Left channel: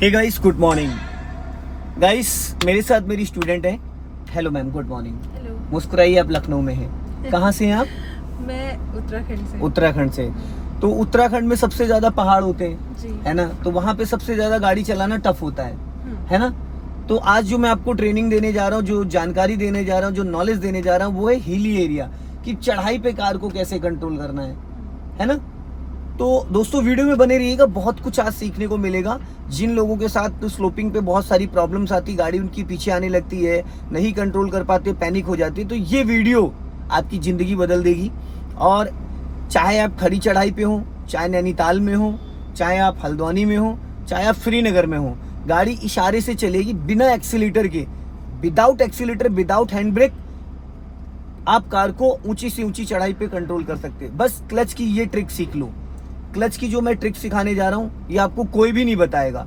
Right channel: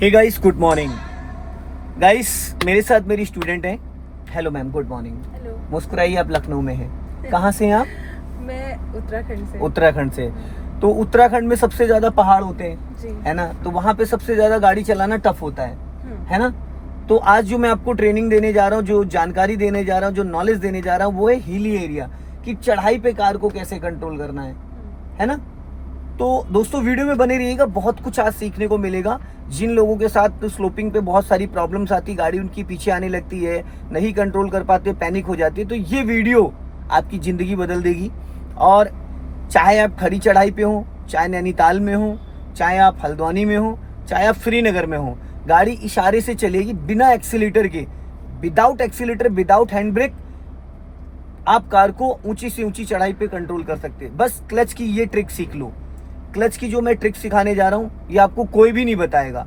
हे guys, good morning guys. मेरे साथ मेरी स्टूडेंट है। Hello ma'am, good morning. Hello. मुस्कुराइए, आप लखनऊ में हैं। कहाँ से हैं आप? मैं उत्तराखंड से। उत्तराखंड से। तो उत्तराखंड में सबसे ज्यादा पहाड़ होते हैं जी। है ना, तो वहाँ पे सबसे ज्यादा गाड़ी चलाना टफ होता है ना। तो आज जो मैं आपको ट्रेनिंग देने जा रहा हूँ, जो जानकारी देने जा रहा हूँ, जो नॉलेज देने जा रहा हूँ, वो है हिली एरिया कि चढ़ाई पे कार को कैसे कंट्रोल करना है ना। तो दोस्तों वीडियो में बने रहिएगा, बहुत कुछ आज सीखने को मिलेगा। जिन लोगों के साथ स्लोपिंग पे बहुत सारी प्रॉब्लम्स आती, गाड़ी उनकी पीछे आने लगती है, नहीं कंट्रोल कर पाते, पैनिक हो जाती है, तो ये वीडियो आपकी ज़िंदगी बदल देगी। और चाहे आप खड़ी चढ़ाई पे हो, चाहे नैनीताल में हो, चाहे आप हल्द्वानी में हो, चाहे आप श्रीनगर में हो, गाड़ी इशारे से चलेगी, बिना एक्सीलेटर के, without accelerator, without hand brake. आप कार को ऊंची से ऊंची चढ़ाई पे कंट्रोल कर सकते हैं। बस क्लच की ये ट्रिक सीख लो। क्लच की जो मैं ट्रिक सिखाने जा रहा हूँ, ये आपको कोई भी नहीं बताएगा,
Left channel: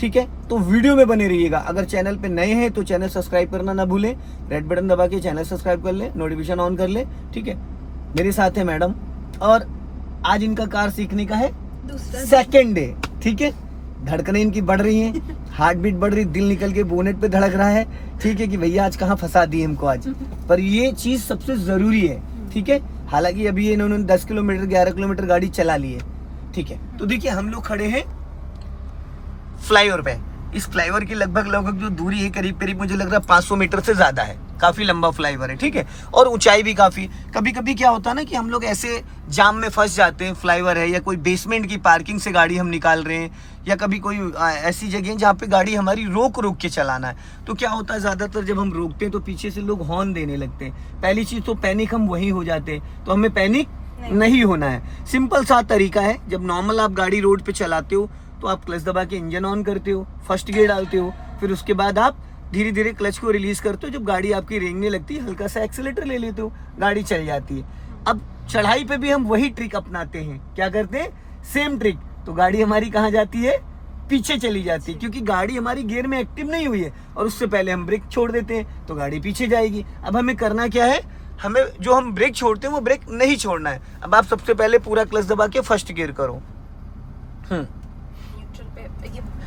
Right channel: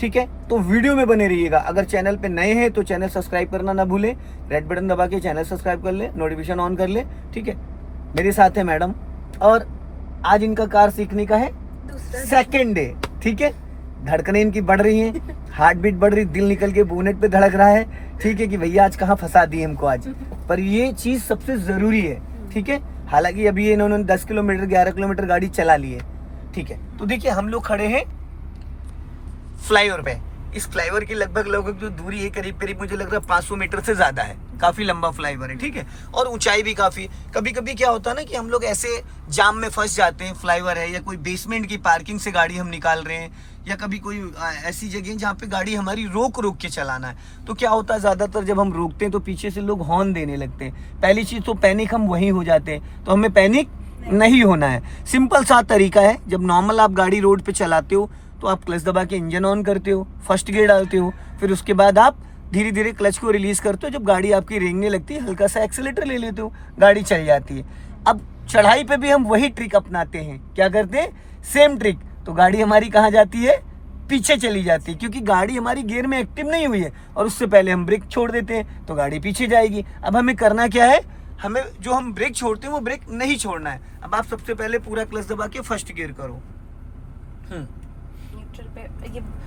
ठीक है। तो वीडियो में बने रहिएगा। अगर चैनल पे नए हैं तो चैनल सब्सक्राइब करना ना भूलें, रेड बटन दबा के चैनल सब्सक्राइब कर ले, नोटिफिकेशन ऑन कर ले, ठीक है। मेरे साथ है मैडम, और आज इनका कार सीखने का है सेकेंड डे, ठीक है। धड़कनें इनकी बढ़ रही हैं, हार्ट बीट बढ़ रही, दिल निकल के बोनेट पे धड़क रहा है, ठीक है, कि भैया आज कहाँ फंसा दिए हमको आज। पर ये चीज सबसे जरूरी है, ठीक है। हालांकि अभी इन्होंने 10 किलोमीटर 11 किलोमीटर गाड़ी चला ली है, ठीक है। तो देखिए, हम लोग खड़े हैं फ्लाईओवर पे। इस फ्लाईओवर की लगभग जो दूरी है, करीब करीब मुझे लग रहा है 500 मीटर से ज्यादा है। काफी लंबा फ्लाईओवर है, ठीक है, और ऊंचाई भी काफी। कभी कभी क्या होता है ना कि हम लोग ऐसे जाम में फंस जाते हैं, फ्लाईओवर है या कोई बेसमेंट की पार्किंग से गाड़ी हम निकाल रहे हैं, या कभी कोई ऐसी जगह जहाँ पे गाड़ी हमारी रोक के चलाना है। तो क्या होता है, ज्यादातर जब हम रोकते हैं तो पीछे से लोग हॉर्न देने लगते हैं। पहली चीज तो पैनिक हम वहीं हो जाते हैं, तो हमें पैनिक नहीं होना है। सिंपल सा तरीका है, जब नॉर्मल आप गाड़ी रोड पे चलाते हो तो आप क्लच दबा के इंजन ऑन करते हो, फर्स्ट गियर डालते हो, फिर उसके बाद आप धीरे धीरे क्लच को रिलीज करते हो। जब गाड़ी आपकी रेंगने लगती है, हल्का सा एक्सीलेटर ले लेते हो, गाड़ी चल जाती है। अब चढ़ाई पे भी हम वही ट्रिक अपनाते हैं। क्या करते हैं? Same trick. तो गाड़ी हमारी कहाँ जाती है? पीछे चली जाती है, क्योंकि गाड़ी हमारी गियर में एक्टिव नहीं हुई है, और उससे पहले हम ब्रेक छोड़ देते हैं तो गाड़ी पीछे जाएगी। अब हमें करना क्या है? हमें जो हम ब्रेक छोड़ते हैं वो ब्रेक नहीं छोड़ना है। अब आप सबसे पहले पूरा क्लच दबा के फर्स्ट गियर करो।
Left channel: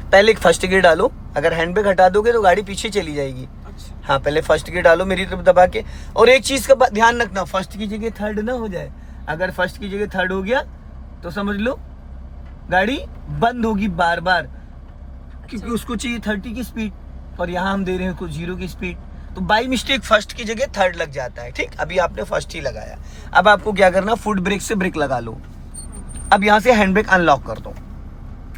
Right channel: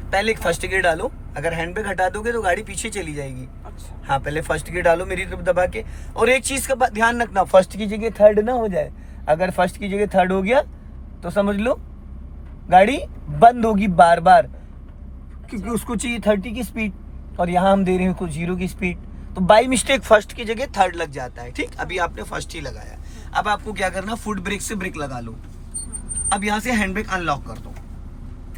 पहले एक फर्स्ट गियर डालो। अगर हैंड ब्रेक हटा दोगे तो गाड़ी पीछे चली जाएगी। हाँ, पहले फर्स्ट गियर डालो मेरी तरफ दबा के। और एक चीज का ध्यान रखना, फर्स्ट की जगह थर्ड ना हो जाए। अगर फर्स्ट की जगह थर्ड हो गया तो समझ लो गाड़ी बंद होगी बार बार, क्योंकि उसको चाहिए 30 की स्पीड, और यहाँ हम दे रहे हैं उसको 0 की स्पीड। तो बाई मिस्टेक फर्स्ट की जगह थर्ड लग जाता है, ठीक। अभी आपने फर्स्ट ही लगाया। अब आपको क्या करना, फुट ब्रेक से ब्रेक लगा लो। अब यहाँ से हैंड ब्रेक अनलॉक कर दो,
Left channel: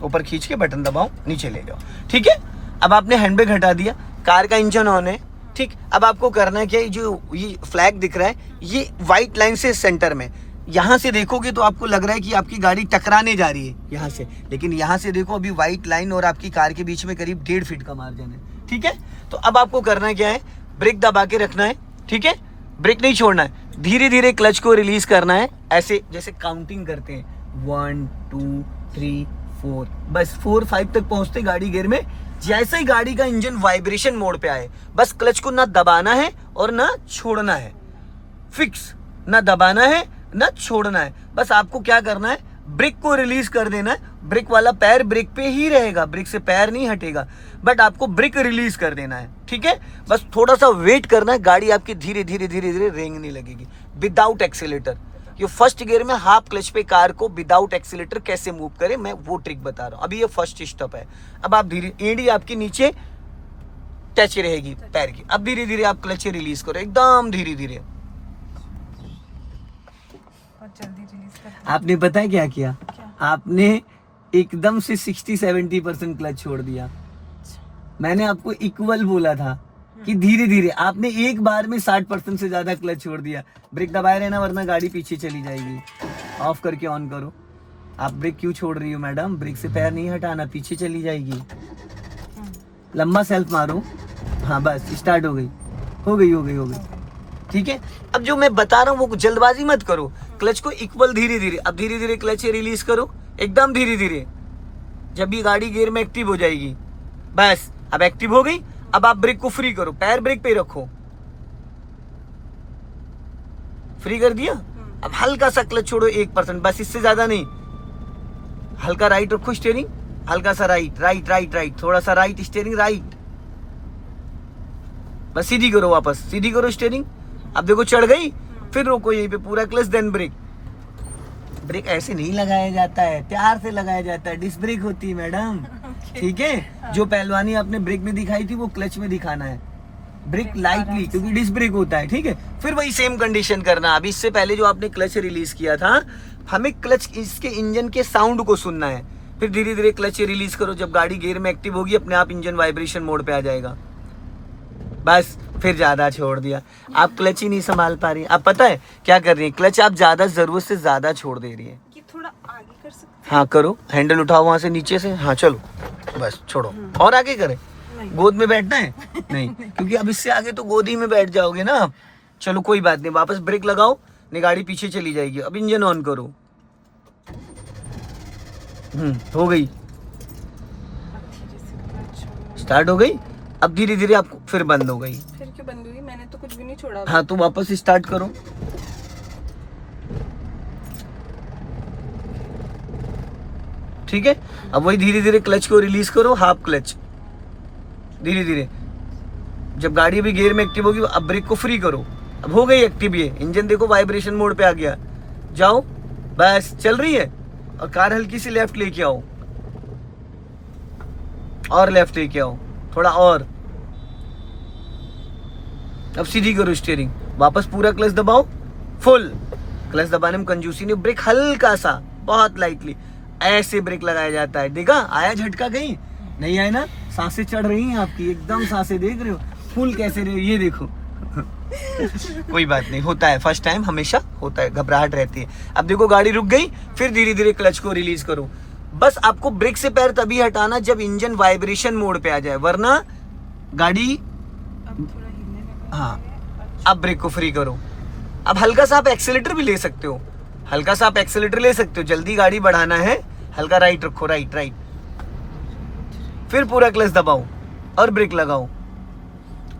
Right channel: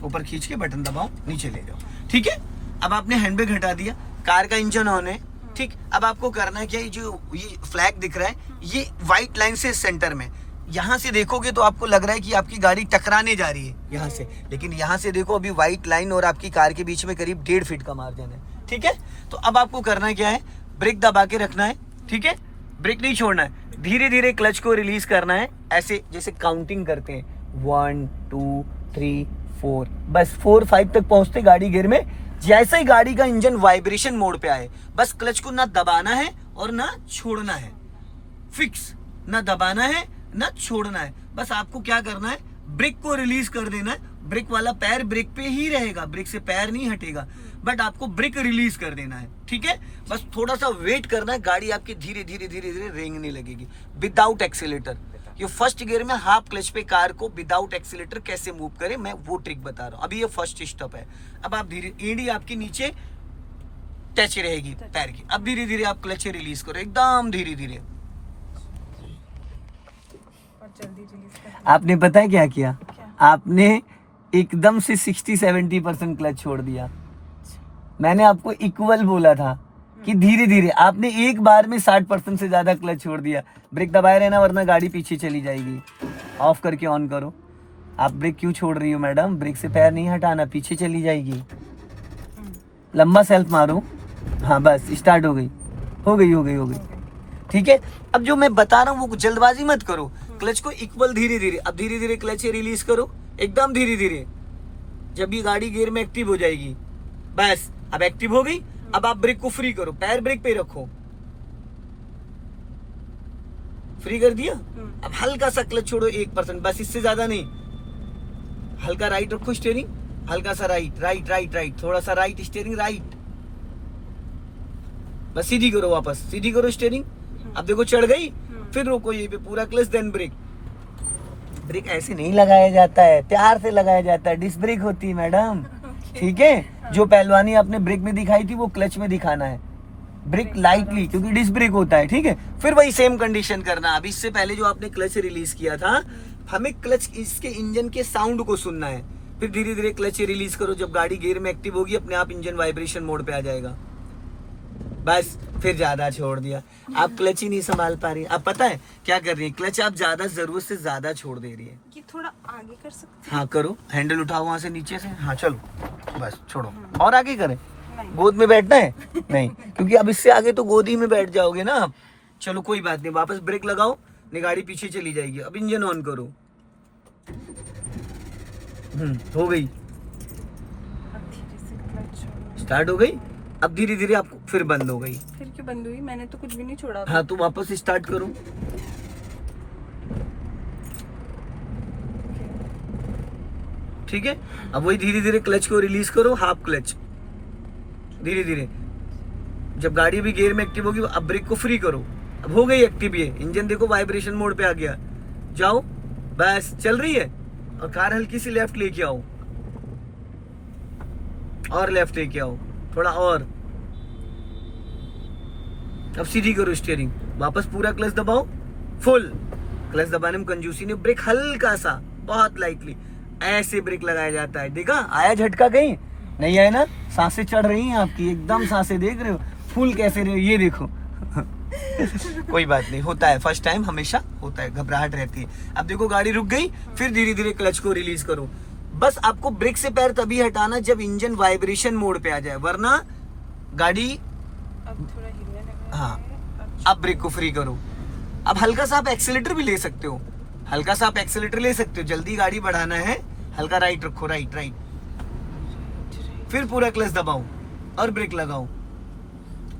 ऊपर खींच के बटन दबाओ, नीचे ले जाओ, ठीक है। अब आपने हैंड ब्रेक हटा दिया, कार का इंजन ऑन है, ठीक। अब आपको करना है क्या, जो ये फ्लैग दिख रहा है, ये व्हाइट लाइन से सेंटर में, यहाँ से देखोगे तो आपको लग रहा है कि आपकी गाड़ी टकराने जा रही है यहाँ से, लेकिन यहाँ से देखो अभी व्हाइट लाइन और आपकी कार के बीच में करीब 1.5 फीट का मार्जिन है, ठीक है। तो अब आपको करना क्या है, ब्रेक दबा के रखना है, ठीक है, ब्रेक नहीं छोड़ना है, धीरे धीरे क्लच को रिलीज करना है, ऐसे जैसे काउंटिंग करते हैं, 1 2 3 4, बस 4 5 तक पहुंचते गाड़ी गियर में। जैसे ही गाड़ी का इंजन वाइब्रेशन मोड पे आए, बस क्लच को ना दबाना है और ना छोड़ना है, फिक्स, ना दबाना है ना छोड़ना है। बस आपको क्या करना है, ब्रेक को रिलीज कर देना है। ब्रेक वाला पैर ब्रेक पे ही रहेगा, ब्रेक से पैर नहीं हटेगा, बट आपको ब्रेक रिलीज कर देना है, ठीक है। बस थोड़ा सा वेट करना है, गाड़ी आपकी धीरे धीरे धीरे धीरे रेंगने लगेगी विदाउट एक्सीलेटर। ये फर्स्ट गियर में हाफ क्लच पे कार को विदाउट एक्सीलेटर कैसे मूव करें, मैं वो ट्रिक बता रहा हूँ। अभी ये फर्स्ट स्टेप है। अब आप धीरे, एड़ी आपकी नीचे टच रहेगी पैर की। अब धीरे धीरे आप क्लच रिलीज करो, एकदम धीरे धीरे। आपने पता है क्या किया? आपने एकदम से 60-70% क्लच छोड़ दिया। मैंने आपको इक्वल बोला था कि धीरे धीरे, आपने एक बार में 60% से ज्यादा क्लच छोड़ दिया। ब्रेक दबाए रहना, वरना गाड़ी पीछे चली जाएगी। ऑफ करके ऑन करो। आप ब्रेक क्यों छोड़ रही हो मैडम? ब्रेक से पैर नहीं हटाना, पीछे चली जाएगी। लंबा सेल्फ मारो। हाँ, बस स्टार्ट हो गई, हो गई, हो गई, हो गई, ठीक है। अब जो मैं बता रहा हूँ वो जल्दबाजी मत करो, क्लच को इक्वल धीरे धीरे। अब धीरे धीरे क्लच रिलीज करो, एकदम धीरे धीरे। जब ये गाड़ी गियर में एक्टिव हो जाएगी, बस अब एक्टिव हो गई। अब आप ब्रेक को फ्री करो, पैर ब्रेक पे रखो, फ्री कर दिया। अब हल्का सा क्लच छोड़ो 1%, बस इससे ज्यादा नहीं। हल्का राइट रखो स्टीयरिंग, हल्का सा राइट राइट राइट राइट, थोड़ा सा राइट, स्टीयरिंग राइट, बस सीधी करो, वापस सीधी करो स्टीयरिंग। अब देखो चढ़ गई, फिर रोको यहीं पे, पूरा क्लच देन ब्रेक। ब्रेक ऐसे नहीं लगाया जाता है, प्यार से लगाया जाता है, डिस्क ब्रेक होती है मैडम, ठीक है। जो पहलवानी आपने ब्रेक में दिखाई थी वो क्लच में दिखाना है, ब्रेक लाइटली, क्योंकि डिस्क ब्रेक होता है, ठीक है। फिर वही सेम कंडीशन करना। अभी इससे पहले जो आपने क्लच रिलीज किया था, हमें क्लच इसके इंजन के साउंड को सुनना है, फिर धीरे धीरे क्लच रिलीज करो। जब गाड़ी गियर में एक्टिव होगी, अपने आप इंजन वाइब्रेशन मोड पे आ जाएगा। बस फिर ज्यादा छोड़ दिया, आप क्लच ही नहीं संभाल पा रही। अब पता है क्या कर रही है, क्लच आप ज्यादा जरूरत से ज्यादा छोड़ दे रही है। कि थोड़ा आगे कर सकते हाँ करो, हैंडल उठाओ वहां से नीचे से, हाँ चलो, बस छोड़ो, और आगे करें। गोद में बैठना है नहीं, क्योंकि अब इससे आगे तो गोद ही में बैठ जाओगे ना आप। चलो कोई बात नहीं, वापस ब्रेक लगाओ, नहीं गाड़ी पीछे चली जाएगी। अब इंजन ऑन करो, हो गई, स्टार्ट हो गई। अब धीरे धीरे आपको फिर बंद हो गई। फिर क्यों बंद हुई? मैंने तो कुछ भी नहीं छोड़ा। हाँ तो वापस स्टार्ट करो, ठीक है। अब वही धीरे धीरे क्लच को रिलीज करो, हाफ क्लच, धीरे धीरे। जब गाड़ी भी गियर में एक्टिव होगी, अब ब्रेक को फ्री करो। अब हो गई एक्टिव, ये इंजन देखो वाइब्रेशन मोड पे आ गया। जाओ, बस चल रही है। और कार हल्की सी लेफ्ट लेके आओ, और लेफ्ट लेके आओ थोड़ा, और अब सीधी करो स्टीयरिंग, वापस पूरा क्लच दबाओ, फुल क्लच दबाने में कंजूसी नहीं, ब्रेक हल्का सा, बहुत लाइटली ऐसे ब्रेक लगाया जाता है। देखा आया झटका? कहीं नहीं आया ना? सांसें चढ़ रही हैं आपकी, एकदम सांसें देख रहे हो, फुल कैसे रहे हो, ये देखो। कोई बात नहीं, होता है, फर्स्ट टाइम हमेशा होता है, घबराहट रहती है। अब देखो गाड़ी रुक गई, फिर धीरे धीरे क्लच को रिलीज करो। बस आपको ब्रेक से पैर तभी हटाना जब इंजन वाइब्रेशन मोड पे आ जाए, वरना गाड़ी, हाँ अब ब्रेक को फ्री करो। अब हल्का सा आप एक्सीलेटर भी ले सकते हो, हल्का सा आप एक्सीलेटर ले सकते हो, जल्दी गाड़ी बढ़ाना है, हल्का राइट रखो, राइट राइट, फिर पूरा क्लच दबाओ और ब्रेक लगाओ।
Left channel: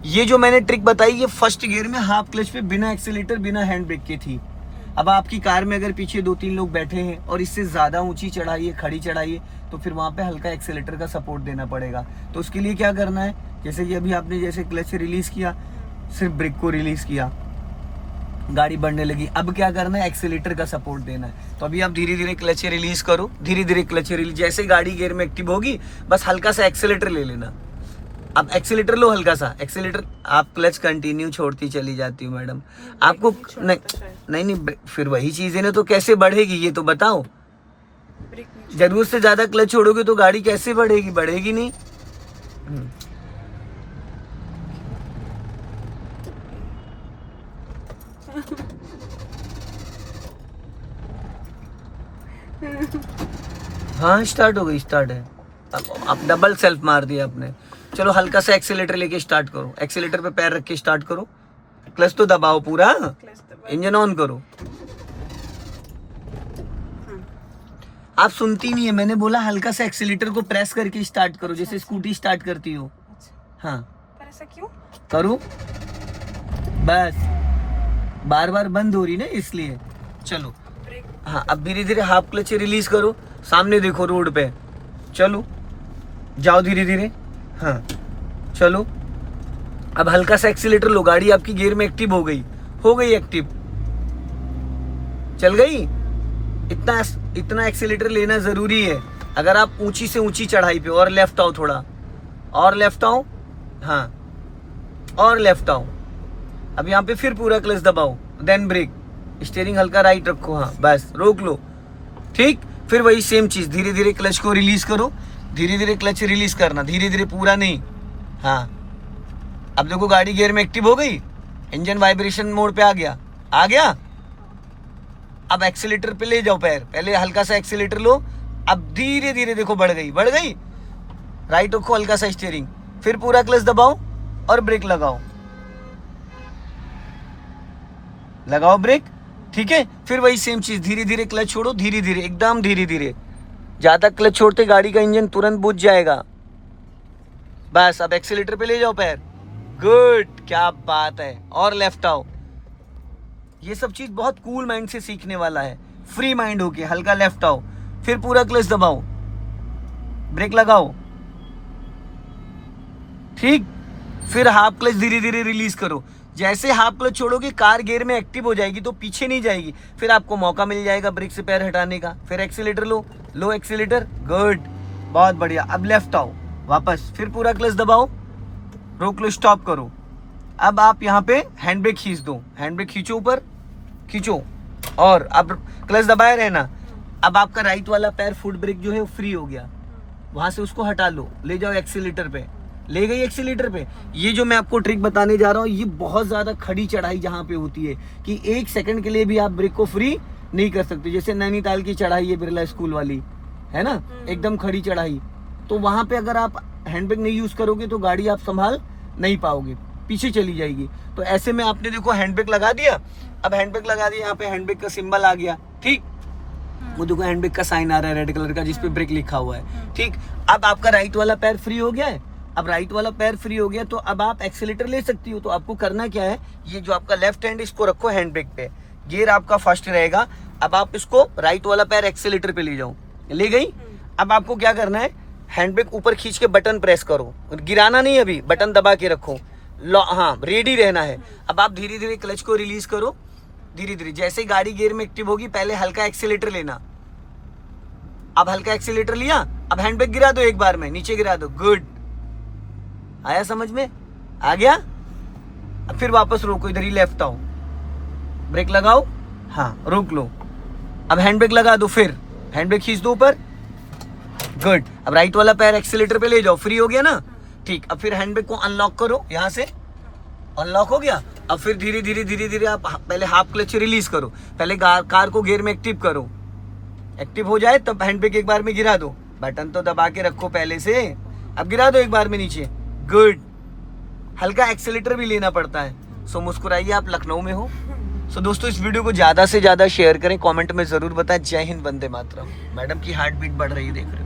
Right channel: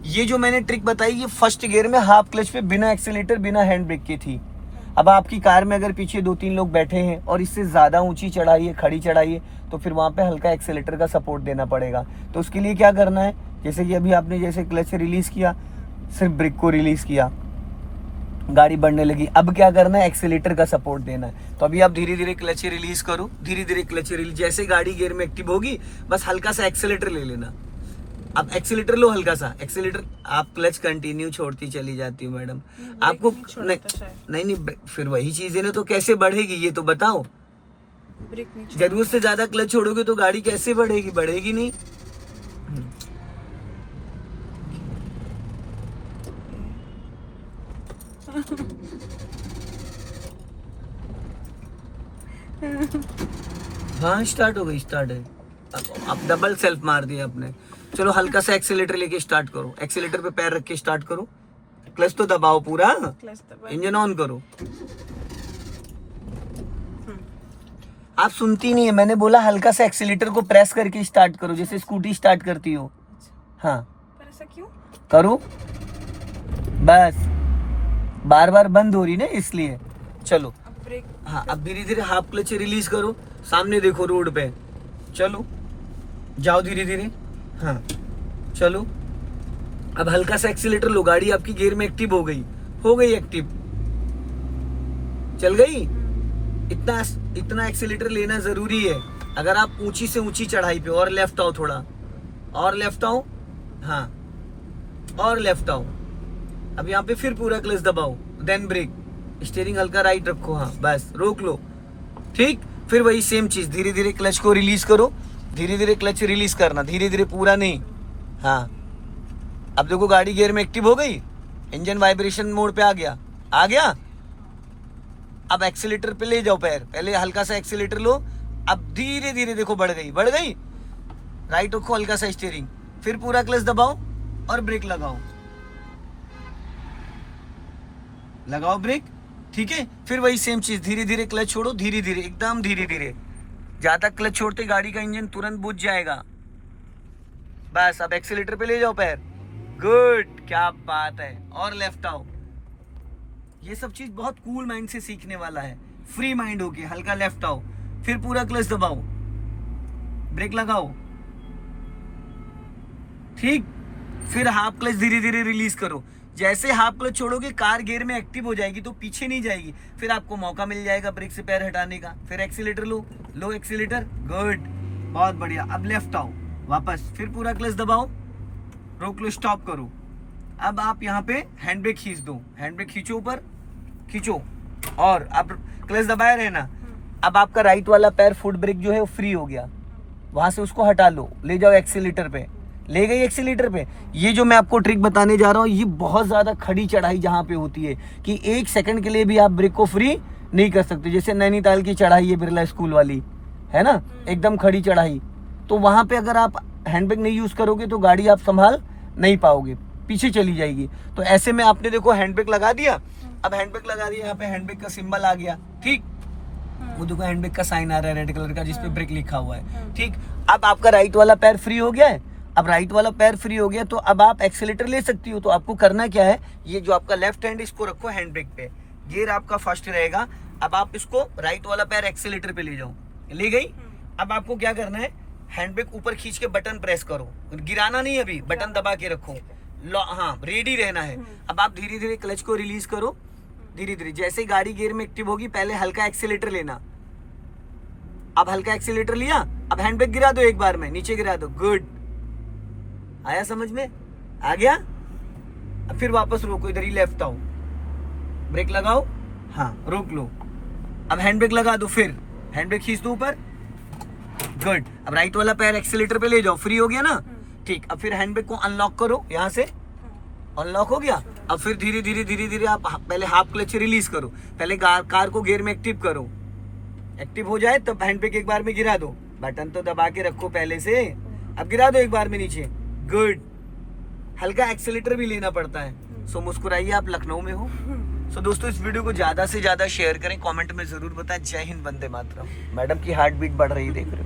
ये जो मैंने ट्रिक बताई, ये फर्स्ट गियर में हाफ क्लच पे बिना एक्सीलेटर बिना हैंड ब्रेक की थी। अब आपकी कार में अगर पीछे 2-3 लोग बैठे हैं और इससे ज्यादा ऊंची चढ़ाई है, खड़ी चढ़ाई है, तो फिर वहां पे हल्का एक्सीलेटर का सपोर्ट देना पड़ेगा। तो उसके लिए क्या करना है, जैसे कि अभी आपने जैसे क्लच रिलीज किया, सिर्फ ब्रेक को रिलीज किया, गाड़ी बढ़ने लगी, अब क्या करना है, एक्सीलेटर का सपोर्ट देना है। तो अभी आप धीरे धीरे क्लच रिलीज करो, धीरे धीरे क्लच रिलीज, जैसे गाड़ी गियर में एक्टिव होगी, बस हल्का सा एक्सीलेटर ले लेना। अब एक्सीलेटर लो, हल्का सा एक्सीलेटर, आप क्लच कंटिन्यू छोड़ती चली जाती हो मैडम, आपको नहीं, फिर वही चीज है ना, तो कैसे बढ़ेगी ये तो बताओ। जरूरत से ज्यादा क्लच छोड़ोगे तो गाड़ी कैसे बढ़ेगी, बढ़ेगी नहीं। हाँ स्टार्ट हो गई, स्टार्ट है। अब डबल सेल्फ मार दिया आपने। चलो हल्का सा एक्सीलेटर लेके स्टार्ट करो, एक्सीलेटर पे पैर रख के स्टार्ट करो, क्लच तो दबाओ पूरा, इंजन ऑन करो। आप सुनती नहीं है, मैंने बोला हल्का सा एक्सीलेटर को प्रेस करके स्टार्ट करो, जैसे स्कूटी स्टार्ट करती हो। हाँ पर ऐसा क्यों करो, बस बार बार बंद हो रही ना इसलिए। चलो हाँ, अब धीरे धीरे हाफ क्लच रिलीज करो, सामने देखो रोड पे, चलो जाओ धीरे धीरे, हाँ चलो। अब हल्का सा एक्सीलेटर लो, गाड़ी आपकी गियर में एक्टिव हो गई एक्टिव, चल गई। इतना एक्सीलेटर लेना जरूरी है। अगर आप ऊंची से ऊंची चढ़ाई पे, और लेफ्ट आओ थोड़ा, और लेफ्ट आओ, हाँ और लेफ्ट आओ। अब यहाँ पे फिर पूरा क्लच दबाओ, देन ब्रेक, स्टीयरिंग हल्का राइट रखो, हाँ बस रोक लो, ठीक। फिर वही सेम चीज, धीरे धीरे क्लच को रिलीज करो, धीरे धीरे क्लच रिलीज करना, धीरे धीरे, पूरा नहीं। हाँ अब देखो गाड़ी गियर में एक्टिव हो गई, इंजन वाइब्रेशन मोड पे आ गया। अब एक्सीलेटर पे ले जाओ पैर, पहले हल्का सा एक्सीलेटर लो, अब धीरे धीरे देखो बढ़ गई, राइट रखो हल्का सा स्टीयरिंग, फिर पूरा क्लच दबाओ और ब्रेक लगाओ ब्रेक, ठीक है। फिर वही सेम चीज, धीरे धीरे क्लच छोड़ो, धीरे धीरे, एकदम धीरे धीरे, ज्यादा क्लच छोड़ते गाड़ी का इंजन तुरंत बुझ जाएगा। बस अब एक्सीलेटर पे ले जाओ पैर, गुड, क्या बात है। और लेफ्ट आओ। ये सब चीज बहुत कूल माइंड से सीखने वाला है, फ्री माइंड होके हल्का लेफ्ट आओ, फिर पूरा क्लच दबाओ, ब्रेक लगाओ, ठीक। फिर हाफ क्लच धीरे धीरे रिलीज करो। जैसे हाफ क्लच छोड़ोगे कार गियर में एक्टिव हो जाएगी तो पीछे नहीं जाएगी, फिर आपको मौका मिल जाएगा ब्रेक से पैर हटाने का। फिर एक्सीलेटर लो एक्सीलेटर, गुड, बहुत बढ़िया। अब लेफ्ट आओ वापस, फिर पूरा क्लच दबाओ, रोक लो, स्टॉप करो। अब आप यहाँ पे हैंड ब्रेक खींच दो, हैंड ब्रेक खींचो, ऊपर खींचो और अब क्लच दबाए रहना। अब आपका राइट वाला पैर फुट ब्रेक जो है वो फ्री हो गया, वहां से उसको हटा लो, ले जाओ एक्सीलेटर पे, ले गई एक्सीलेटर पे। ये जो मैं आपको ट्रिक बताने जा रहा हूँ, ये बहुत ज्यादा खड़ी चढ़ाई जहाँ पे होती है कि 1 सेकंड के लिए भी आप ब्रेक को फ्री नहीं कर सकते। जैसे नैनीताल की चढ़ाई है बिरला स्कूल वाली, है ना, एकदम खड़ी चढ़ाई, तो वहां पे अगर आप हैंड ब्रेक नहीं यूज करोगे तो गाड़ी आप संभाल नहीं पाओगे, पीछे चली जाएगी। तो ऐसे में आपने देखो हैंड ब्रेक लगा दिया, अब हैंड ब्रेक लगा दिया, यहाँ पे हैंड ब्रेक का सिंबल आ गया, ठीक, वो देखो हैंड ब्रेक का साइन आ रहा है रेड कलर का जिसपे ब्रेक लिखा हुआ है, ठीक। अब आपका राइट वाला पैर फ्री हो गया है, अब राइट वाला पैर फ्री हो गया तो अब आप एक्सीलेटर ले सकती हो। तो आपको करना क्या है, ये जो आपका लेफ्ट हैंड इसको रखो हैंड ब्रेक पे, गियर आपका फर्स्ट रहेगा। अब आप इसको राइट वाला पैर एक्सीलेटर पे ले जाओ, ले गई। अब आपको क्या करना है, हैंड ब्रेक ऊपर खींच के बटन प्रेस करो, गिराना नहीं, अभी बटन दबा के रखो, हाँ रेडी रहना है। अब आप धीरे धीरे क्लच को रिलीज करो, धीरे धीरे, जैसे ही गाड़ी गियर में एक्टिव होगी पहले हल्का एक्सीलेटर लेना। अब हल्का एक्सीलेटर लिया, अब हैंड ब्रेक गिरा दो एक बार में, नीचे गिरा दो, गुड, आया समझ में, आ गया। अब फिर वापस रोको, इधर ही लेफ्ट आओ, ब्रेक लगाओ, हाँ रोक लो, अब हैंड ब्रेक लगा दो, फिर हैंड ब्रेक खींच दो ऊपर, गुड। अब राइट वाला पैर एक्सीलेटर पे ले जाओ, फ्री हो गया ना, ठीक। अब फिर हैंड ब्रेक को अनलॉक करो, यहाँ से अनलॉक हो गया। अब फिर धीरे धीरे धीरे धीरे आप पहले हाफ क्लच रिलीज करो, पहले कार को गियर में एक्टिव करो, एक्टिव हो जाए तब हैंड ब्रेक एक बार में गिरा दो, बटन तो दबा के रखो पहले से, अब गिरा दो एक बार में नीचे, गुड। हल्का एक्सीलेटर भी लेना पड़ता है। सो मुस्कुराइए, आप लखनऊ में हो। सो दोस्तों इस वीडियो को ज्यादा से ज्यादा शेयर करें, कमेंट में जरूर बताएं। जय हिंद, वंदे मातरम। मैडम की हार्ट बीट बढ़ रही है, देख रहे हो।